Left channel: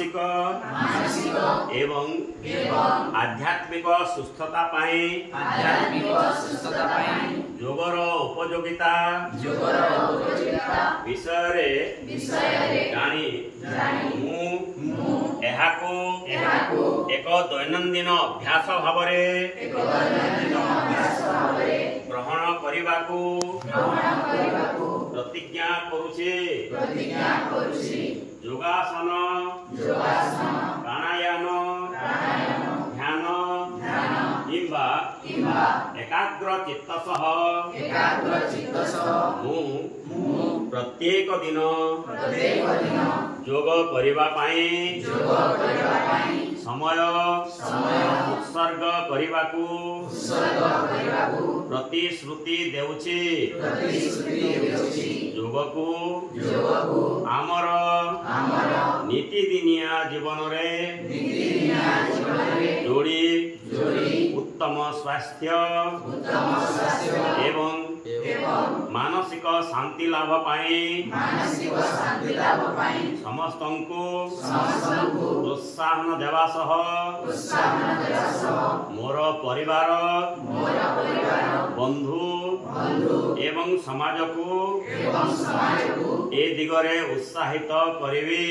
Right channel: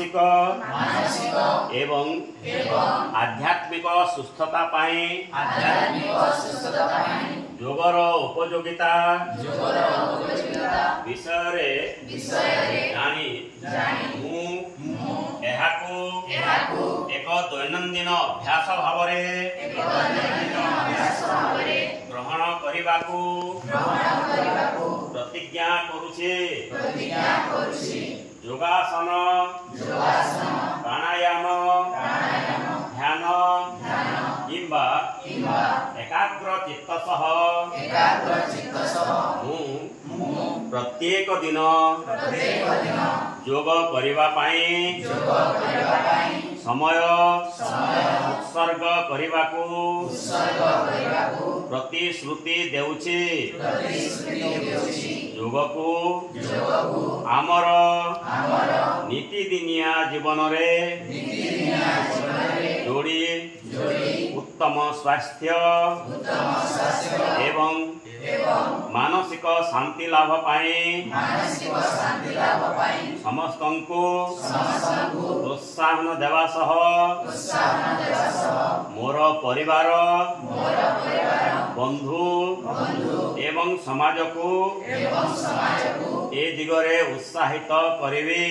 मानसिक एवं आध्यात्मिक सुस्थता योगर उपयोगिता विषय जानी एक दैनंदिन अभ्यास भाव ग्रहण करने प्रतिज्ञा करुछे। योगासन प्राणायाम ध्यान किंबा एकाग्र चित्त सह प्रत्येक दिन योग करिबा पाई समय उत्सर्ग करिबाकु प्रतिश्रुति देउछि। योग को आमर नीतिदिनिया जीवन रे जोड़ी उत्तम स्वास्थ्य एवं मानसिक शांति लाभ पाए समस्त को प्रोत्साहन देवा सह मोर परिवार बंधु एवं समाज को ए दिगरे उत्साहित करिबी।